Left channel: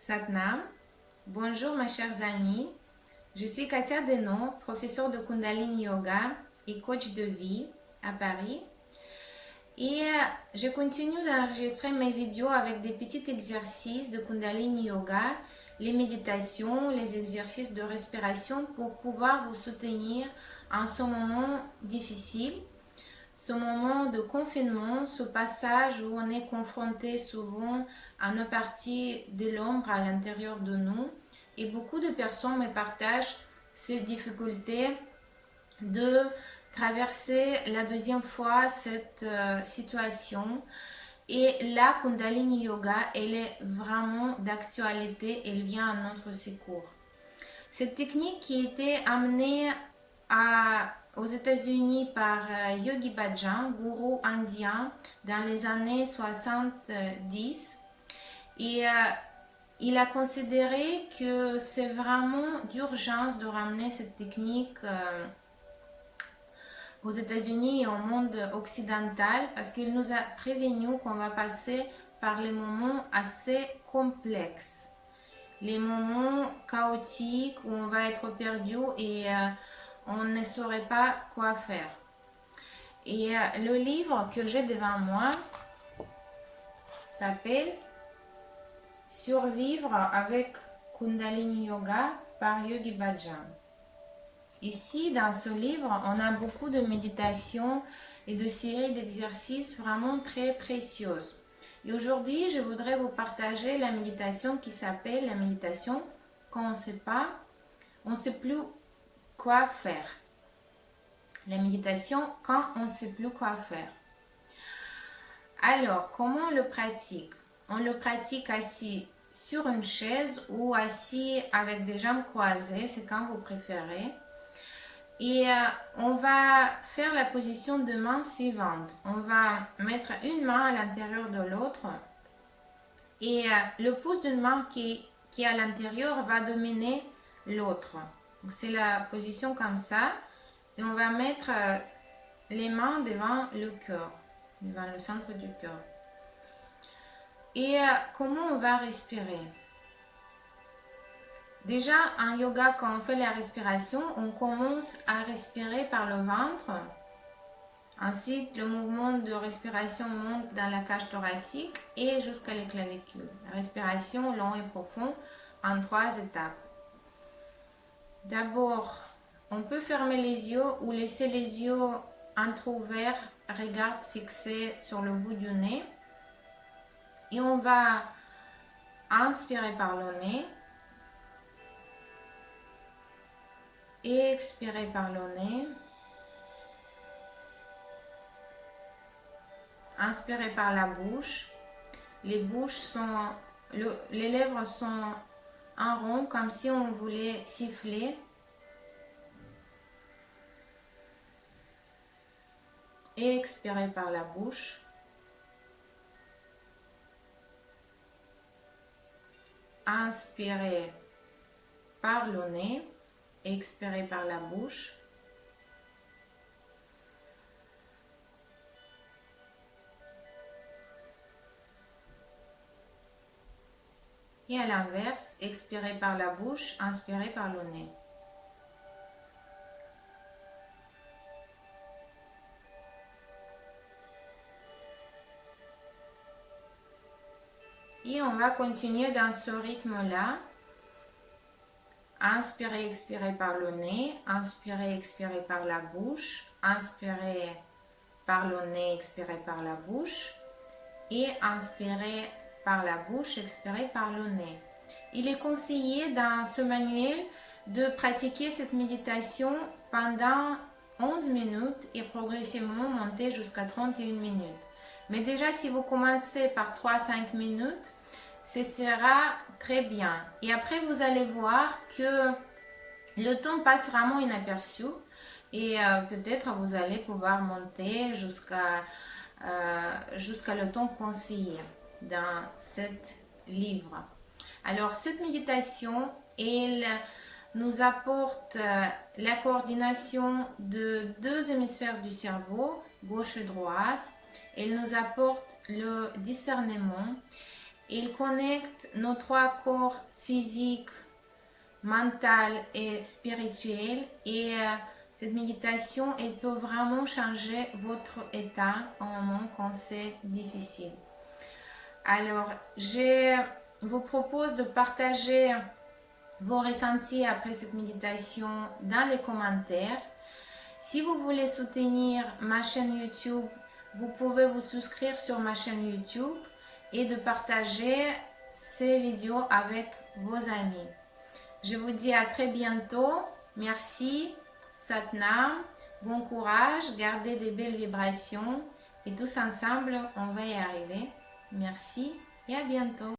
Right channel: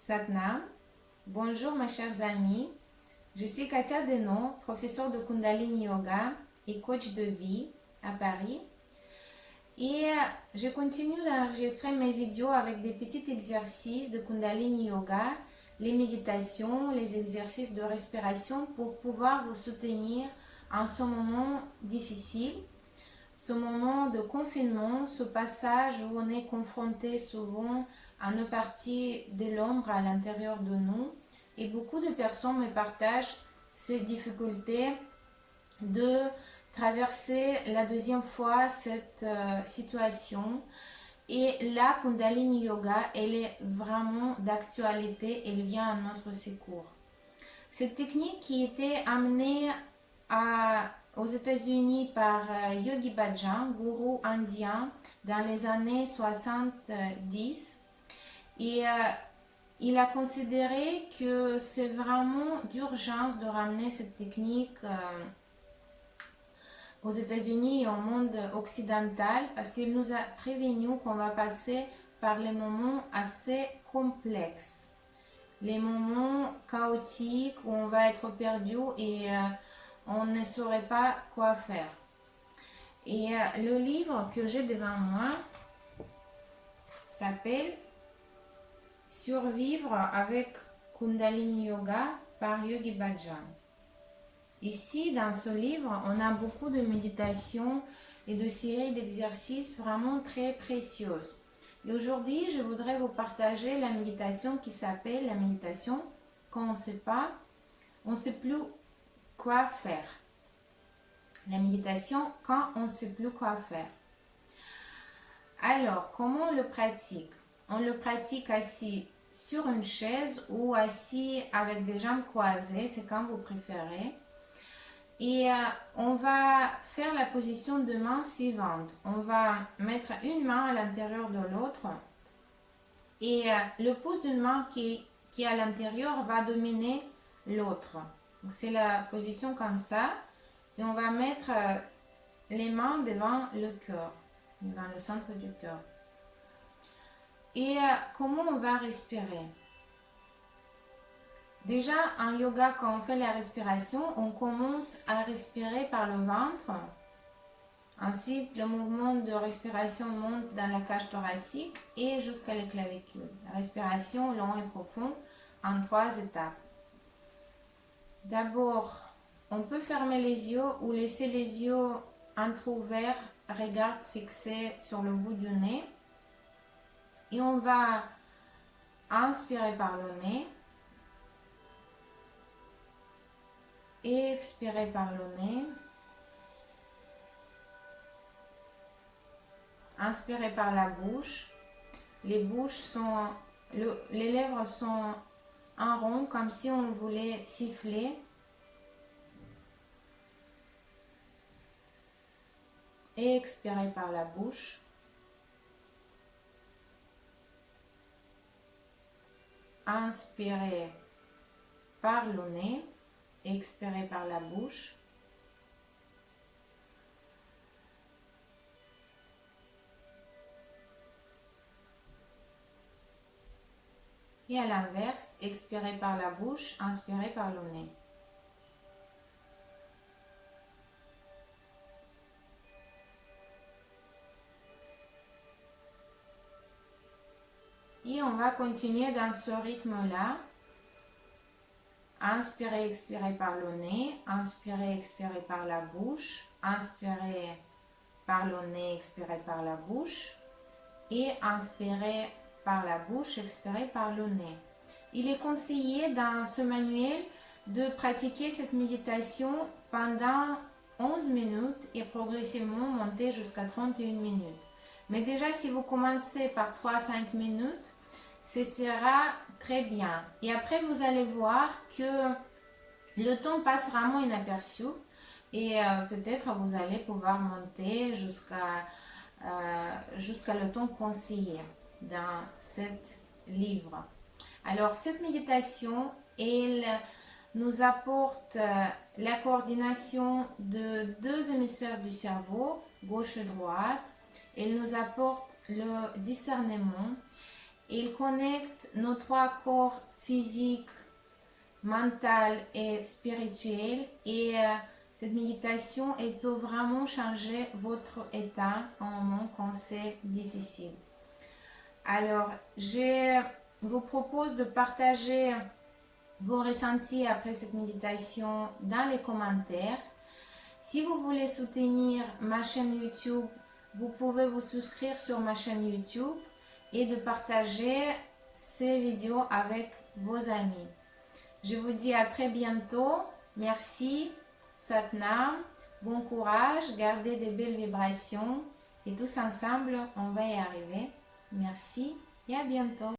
Satnam. Bonjour mes chers amis. Je suis Katia Denon, professeure de Kundalini Yoga et coach de vie à Paris. Et je continue d'enregistrer mes vidéos avec des petits exercices de Kundalini Yoga, les méditations, les exercices de respiration pour pouvoir vous soutenir en ce moment difficile, ce moment de confinement, ce passage où on est confronté souvent à nos parties de l'ombre à l'intérieur de nous. Et beaucoup de personnes me partagent ces difficultés de traverser la deuxième fois cette situation. Et la Kundalini Yoga, elle est vraiment d'actualité, elle vient à notre secours. Cette technique qui était amenée aux États-Unis par Yogi Bhajan, gourou indien, dans les années 70. Et il a considéré que c'est vraiment d'urgence de ramener cette technique aux États-Unis et au monde occidental parce qu'il nous a prévenu qu'on va passer par les moments assez complexes, les moments chaotiques où on va être perdu et on ne saurait pas quoi faire. Et le livre que j'ai devant moi s'appelle Survivre avec Kundalini Yoga par Yogi Bhajan. Ici, dans ce livre, on a beaucoup de méditations et de séries d'exercices vraiment très précieuses. Et aujourd'hui, je voudrais vous partager la méditation qui s'appelle la méditation quand on ne sait pas, on ne sait plus quoi faire. La méditation quand on ne sait plus quoi faire. Alors, comment on le pratique? On le pratique assis sur une chaise ou assis avec des jambes croisées, c'est quand vous préférez. Et on va faire la position de main suivante. On va mettre une main à l'intérieur de l'autre et le pouce d'une main qui est à l'intérieur va dominer l'autre. C'est la position comme ça. Et on va mettre les mains devant le cœur, devant le centre du cœur. Et comment on va respirer? Déjà, en yoga, quand on fait la respiration, on commence à respirer par le ventre. Ensuite, le mouvement de respiration monte dans la cage thoracique et jusqu'à les clavicules. La respiration long et profond en 3 étapes. D'abord, on peut fermer les yeux ou laisser les yeux entrouverts, regard fixé sur le bout du nez. Et on va inspirer par le nez. Et expirer par le nez. Inspirez par la bouche. Les lèvres sont en rond comme si on voulait siffler. Et expirez par la bouche. Inspirez par le nez. Expirez par la bouche. Et à l'inverse, expirez par la bouche, inspirez par le nez. Et on va continuer dans ce rythme-là. Inspirez, expirez par le nez. Inspirez, expirez par la bouche. Inspirez par le nez, expirez par la bouche. Et inspirez par la bouche, expirez par le nez. Il est conseillé dans ce manuel de pratiquer cette méditation pendant 11 minutes et progressivement monter jusqu'à 31 minutes. Mais déjà, si vous commencez par 3-5 minutes, ce sera très bien. Et après, vous allez voir que le temps passe vraiment inaperçu et peut-être vous allez pouvoir monter jusqu'à le temps conseillé dans cet livre. Alors, cette méditation, elle nous apporte la coordination de 2 hémisphères du cerveau, gauche et droite. Elle nous apporte le discernement. Il connecte nos trois corps physiques, mental et spirituel. Et cette méditation, elle peut vraiment changer votre état en moment quand c'est difficile. Alors, je vous propose de partager vos ressentis après cette méditation dans les commentaires. Si vous voulez soutenir ma chaîne YouTube, vous pouvez vous souscrire sur ma chaîne YouTube et de partager ces vidéos avec vos amis. Je vous dis à très bientôt. Merci, Satnam, bon courage, gardez des belles vibrations et tous ensemble, on va y arriver. Merci et à bientôt.